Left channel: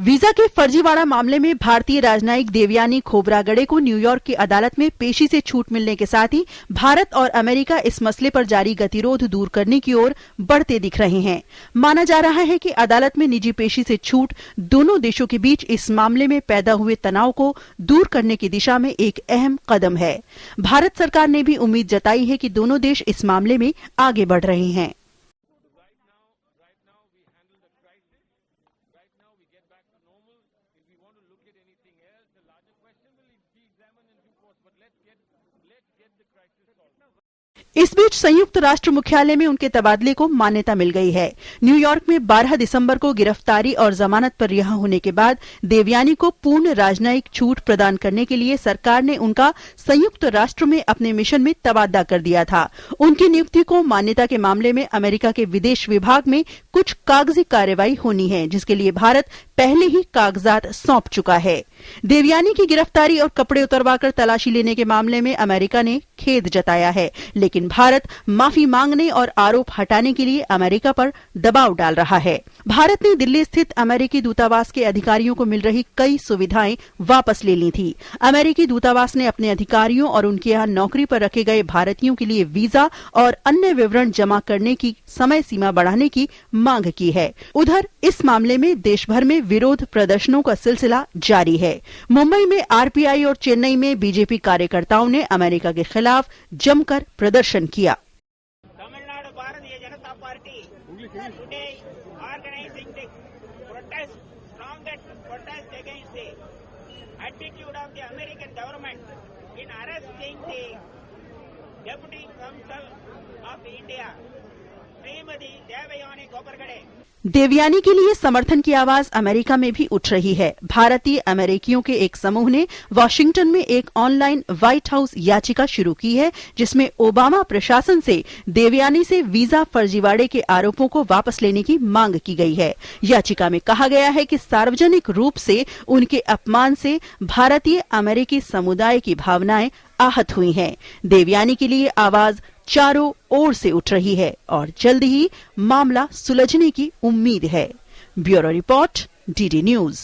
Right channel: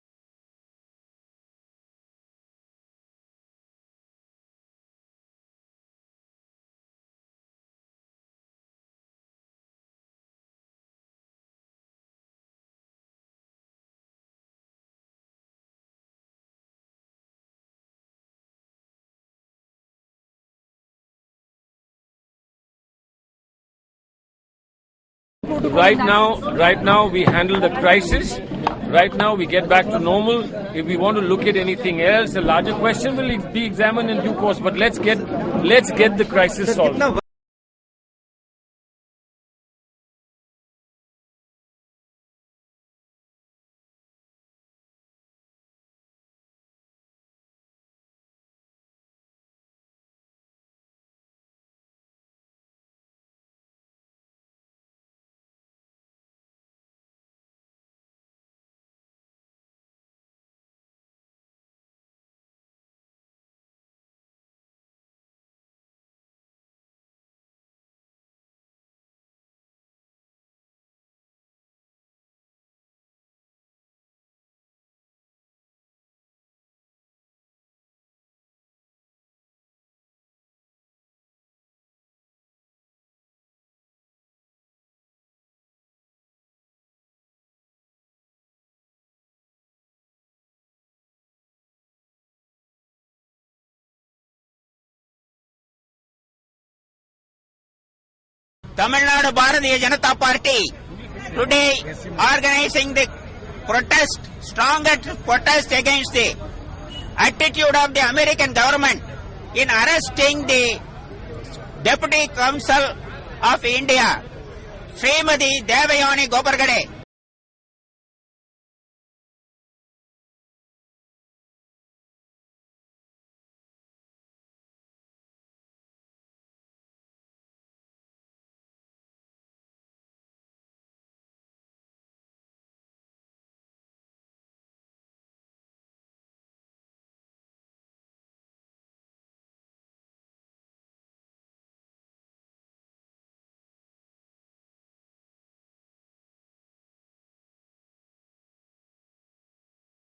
Visa के फर्जीवाड़ा मामले में भारतीय राजनयिक देवयानी खोब्रागडे को न्यूयॉर्क की अदालत में पेशी से छूट मिलने के साथ ही भारत और अमेरिका इस मसले पर जारी गतिरोध दूर करने की ओर बढ़ते दिख रहे हैं। माना जा रहा है कि अदालत में निजी पेशी से छूट दोनों देशों के बीच इस मामले में पैदा हुए तनाव को दूर करने की दिशा में एक अहम कदम है। भारत सरकार ने भी उम्मीद जताई है कि दोनों देश इस मामले में आगे बढ़ रहे हैं। Right now we handle the crisis. Right now we get back to normal. If we want to look at anything else, a larger question will be examined in due course. But let's get the crisis solved. इस बीच संयुक्त राष्ट्र मुख्यालय में उनके तबादले को मान्यता मिल गई है। न्यूयॉर्क में 12 दिसंबर को गिरफ्तारी और जमानत पर रिहा होने के बाद देवयानी को पूर्ण राजनयिक छूट प्रदान करने के लिए सरकार ने उनका संयुक्त राष्ट्र में अपने मिशन में तबादला कर दिया था। उनकी नियुक्ति को मान्यता के मामले में अमेरिका के विदेश विभाग में कुछ कागजी कार्रवाई होनी है, जिसके लिए भारत पहले ही कागजात सौंप चुका है। देवयानी की गिरफ्तारी और कपड़े उतरवाकर तलाशी लेने के मामले में अमेरिका ने खेद जताया है, लेकिन भारत माफी मांगने और आरोप हटाने के लिए अमेरिका पर दबाव डाल रहा है। भारत ने दिल्ली स्थित अमेरिकी दूतावास के अधिकारियों को मिल रही कई सुविधाएं वापस ले ली थी। अमेरिकी दूतावास ने अपने अधिकारियों और उनके यहां नौकरी पर रखे गए भारतीयों के लिए वीजा और अन्य विवरण जमा करने की समय सीमा बढ़ाने की मांग की है। उधर इस मामले में देश भर में विरोध प्रदर्शनों का सिलसिला जारी है। मुंबई में आरपीआई और चेन्नई में बीजेपी कार्यकर्ताओं ने अमेरिका के खिलाफ जमकर प्रदर्शन किया। Tamil Nadu Bharatiya Janata party today organising the protest, strongest protest against the attitude of the American government in arresting the deputy council of India Shrimati Devyani Khobragade. Devyani के लिए समर्थन की आवाज अमेरिका में भी उठ रही है। भारतीय अमेरिकियों के एक समूह ने वॉशिंगटन में एक ऑनलाइन व्हाइट हाउस याचिका शुरू की है, जिसमें ओबामा प्रशासन से देवयानी से वीजा फर्जीवाड़े के आरोपों को वापस लेने की मांग की गई है। याचिका में कहा गया है कि सार्वजनिक रूप से उनके अपमान से भारतीय अमेरिकी समुदाय की भावनाएं आहत हुई हैं। देवयानी के लिए आवाज चारों ओर से उठ रही है और जल्द ही मामला सुलझने की उम्मीद है। Bureau report, DD news.